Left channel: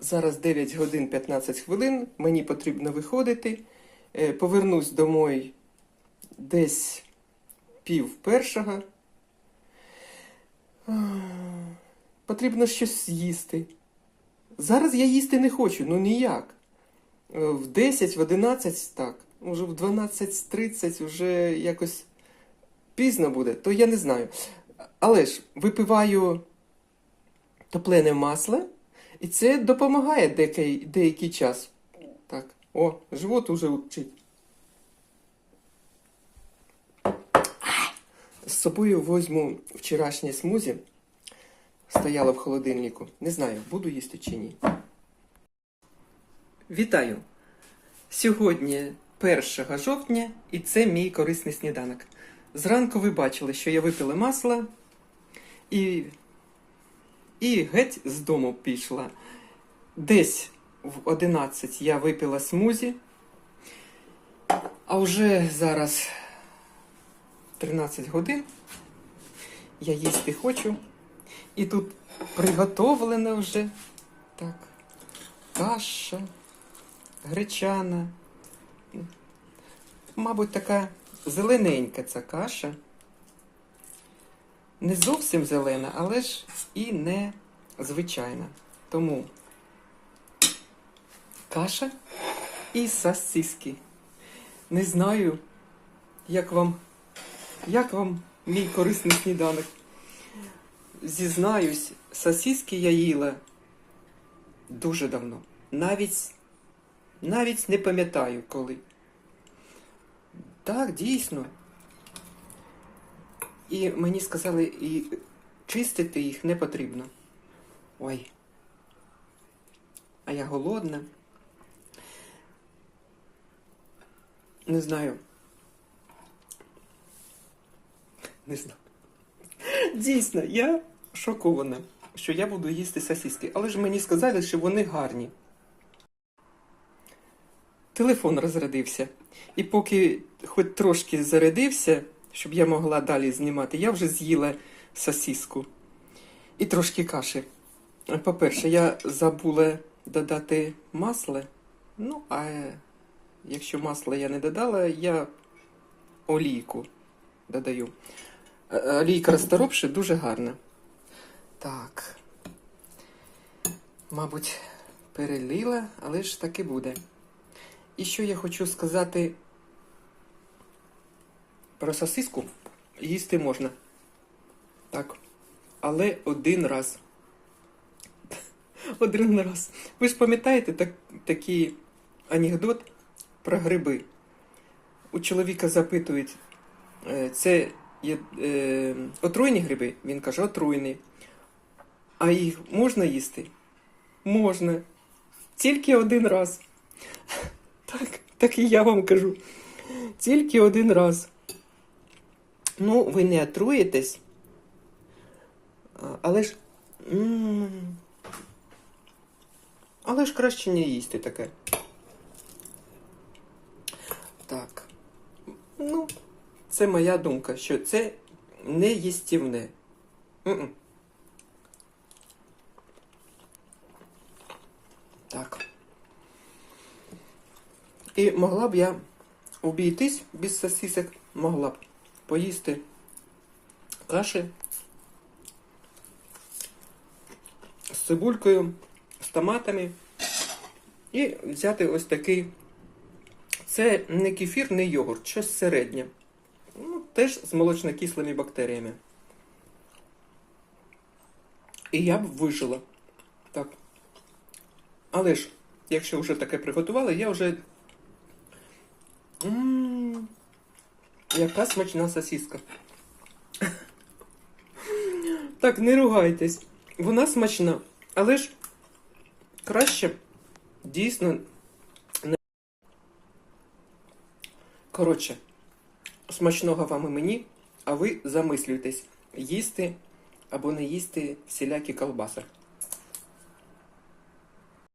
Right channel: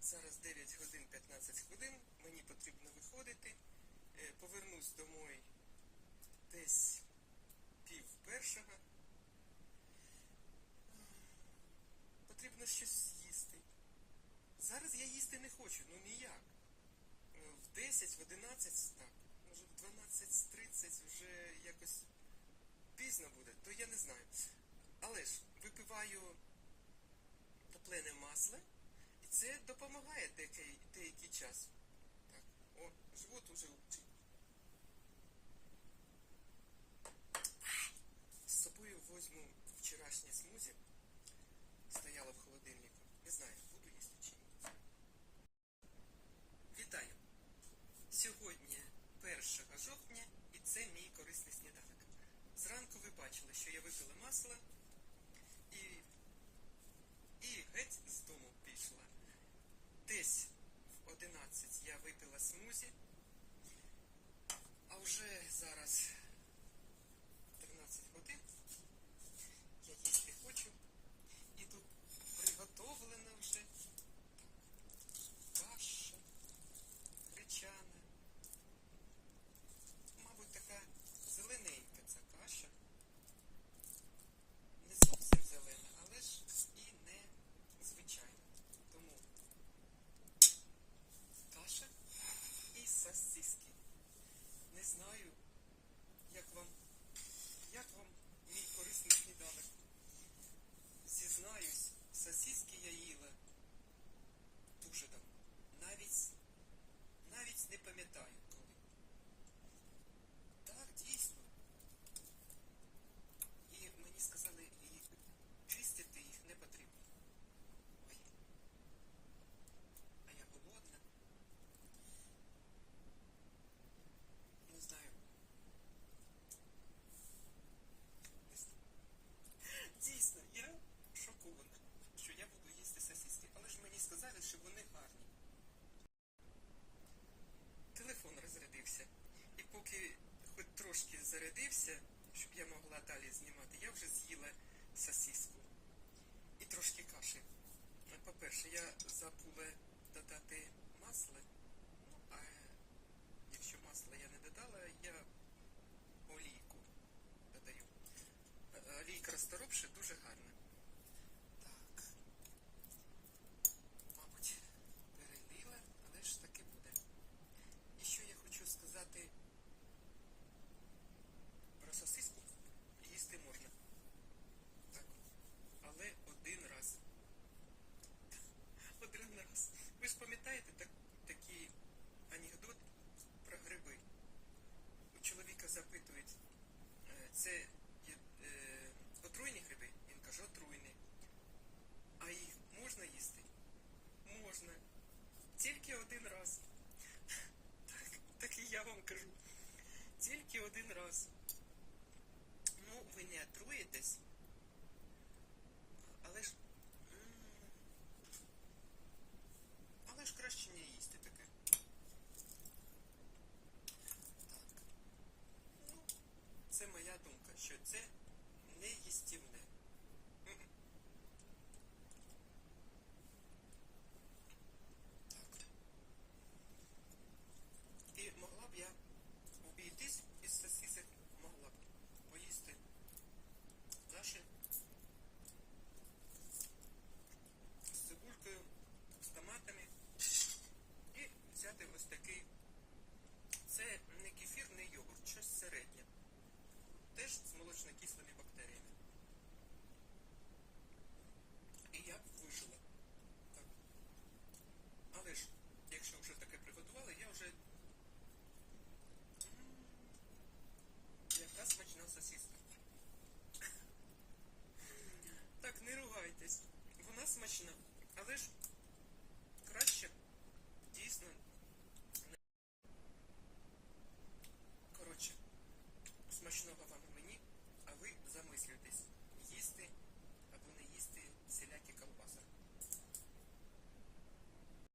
Зараз 9 годин 15 хвилин. Мені потрібно виходити. Е, Повернусь домой десь пів першого. Потрібно щось з'їсти. Зараз я їсти не хочу, ну ніяк. Е, В 10, в 11 так. Уже в 12.30 вже якось пізно буде, то я не знаю. Але ж випиваю топлене масло, і це допомагає деякий, деякий час. Так, о, живот уже учить. З собою возьму вчорашнє смузі. Стояло в холодильнику. Не знаю, буду їсти чи ні. Вітаю! Сьогодні 1 жовтня, і це мій корисний сніданок. Зранку ви бачили, що я випила масло і, і геть з дому пішла. Десь в 11 я випила смузі, а вже зараз 13 годин. Я їсти хочу. І тут приготовлена вже так, каша, гречана. Мабуть, така зелененька ця каша. Не зовсім зелена, але ж і не звичайна. Тому каша і сосиски. Не знаю, як вам, як вам мій корисний сніданок. Зізнаюсь, сосиски я їла дуже давно. Навіть, навіть не пам'ятаю коли. Так, дійсно. І мені сказали, і чистити їх не потрібно. Ой. А я голодна. Не знаю. Не знаю. Дійсно, я шокована, що я буду їсти сосиски. Але ж мені сказали, що вони гарні. Телефон розрядився. І поки хоч трошки зарядився, щоб я могла далі знімати, я вже з'їла сосиску і трошки каші. По-перше, я забула додати масло. Ну, а якщо масла я не додала, я олійку додаю. Олійка розторопши дуже гарна. Так. Мабуть, перелила, але ж таки буде. І що я хочу сказати про сосиску їсти можна. Так. Але один раз. Один раз. Ви ж пам'ятаєте так, такий анекдот про гриби? У чоловіка запитують, е, це є е, отруйні гриби? Він каже, отруйні. А їх можна їсти? Можна. Тільки один раз. Так, так і я вам кажу. Тільки один раз. Ну, ви не отруєтесь. Але ж. м, Але ж краще не їсти таке. Так. Ну, це моя думка, що це не їстівне. М-м. Так. І могла б я обійтись без сосисок, могла б поїсти каші з цибулькою, з томатами і взяти ось такий. Це не кефір, не йогурт, щось середнє. Ну, теж з молочнокислими бактеріями. І я б вижила. Так. Але ж, якщо вже таке приготували, я вже. М, Яка смачна сосиска. Так, не ругайтесь. Вона смачна. Але ж краще дійсно не. Коротше, смачного вам і мені, а ви замислюйтесь, їсти або не їсти всілякі колбаси.